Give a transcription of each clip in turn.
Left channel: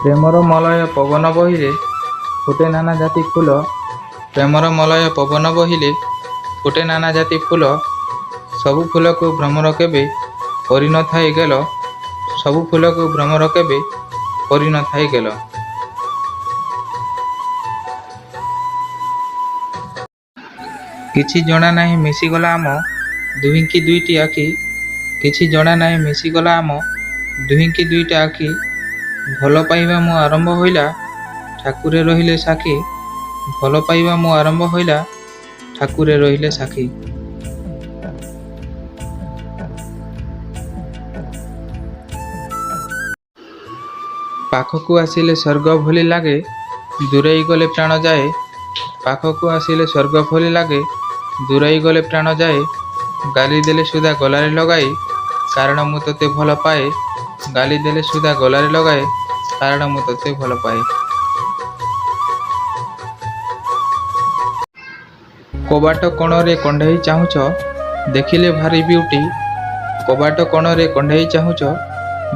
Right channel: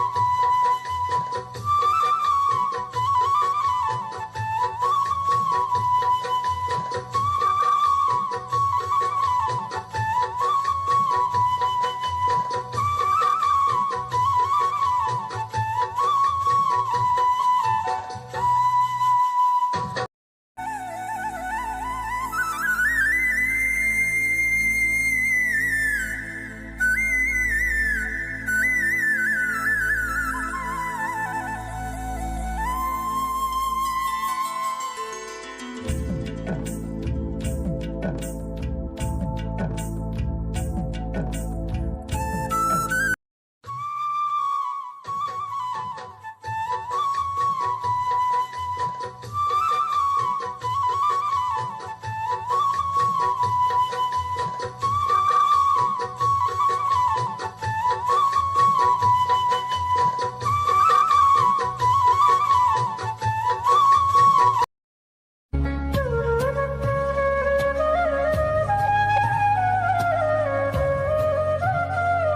ପ୍ରେମର ମଲୟ ପବନ ବହିଲେ ଫୁଟେ ନାନା ଜାତି ଫୁଲ। ପ୍ରେମର ମଲୟ ପବନ ବହିଲେ ଫୁଟେ ନାନା ଜାତି ଫୁଲ। ସବୁ ଫୁଲକୁ ଭ୍ରମର କେବେ କରିନଥାଏ ଗେଲ। ସବୁ ଫୁଲକୁ ଭ୍ରମର କେବେ କରିନଥାଏ ଗେଲ। କିଛି ଜଣା ନାହିଁ ମିଶିଗଲା ଆମ ଦୁହିଁକି ଦୁଇଟି ଆଖି। କିଛି ଜଣା ନାହିଁ ମିଶିଗଲା ଆମ ଦୁହିଁକି ଦୁଇଟା ଆଖି। ଭଲ ପାଇବା ମୋ ଆରମ୍ଭ ହୋଇଲା ଠାକୁରେ ରହିଲେ ସାକ୍ଷୀ। ଭଲ ପାଇବା ମୋ ଆରମ୍ଭ ହୋଇଲା ଠାକୁରେ ରହିଲେ ସାକ୍ଷୀ। ପାଖକୁ ଆସିଲେ ସ୍ୱର୍ଗ ଭଳି ଲାଗେ ଦୂରେଇ ଗଲେ ପ୍ରାଣ ଯାଏ। ପାଖକୁ ଆସିଲେ ସ୍ୱର୍ଗ ଭଳି ଲାଗେ ଦୂରେଇ ଗଲେ ପ୍ରାଣ ଯାଏ। ଗାଲି ଦେଲେ ସୁଧା ଗଲାରେ ଲଗାଏ କାରଣ ମୁଁ ତୋତେ ଭଲ ପାଏ। ଗାଲି ଦେଲେ ସୁଧା ଗଲାରେ ଲଗାଏ କାରଣ ମୁଁ ତୋତେ ଭଲ ପାଏ। କବାଟ କୋଣରେ କଣ୍ଢେଇ ଚାହୁଁଛ ଦେଖିଲେ ଭାରି ବିଉଟି। କବାଟ କୋଣରେ କଣ୍ଢେଇ ଚାହୁଁଛ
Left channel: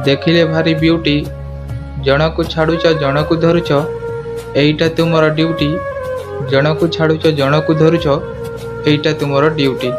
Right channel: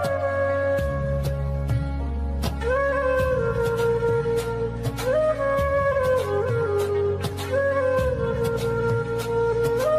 ଦେଖିଲେ ଭାରି ବିଉଟି। ଜଣକୁ ଛାଡ଼ୁଛ ଜଣକୁ ଧରୁଛ ଏଇଟା ତୁମର ଡ୍ୟୁଟି। ଜଣକୁ ଛାଡ଼ୁଛ ଜଣକୁ ଧରୁଛ ଏଇଟା ତୁମର ଡ୍ୟୁଟି।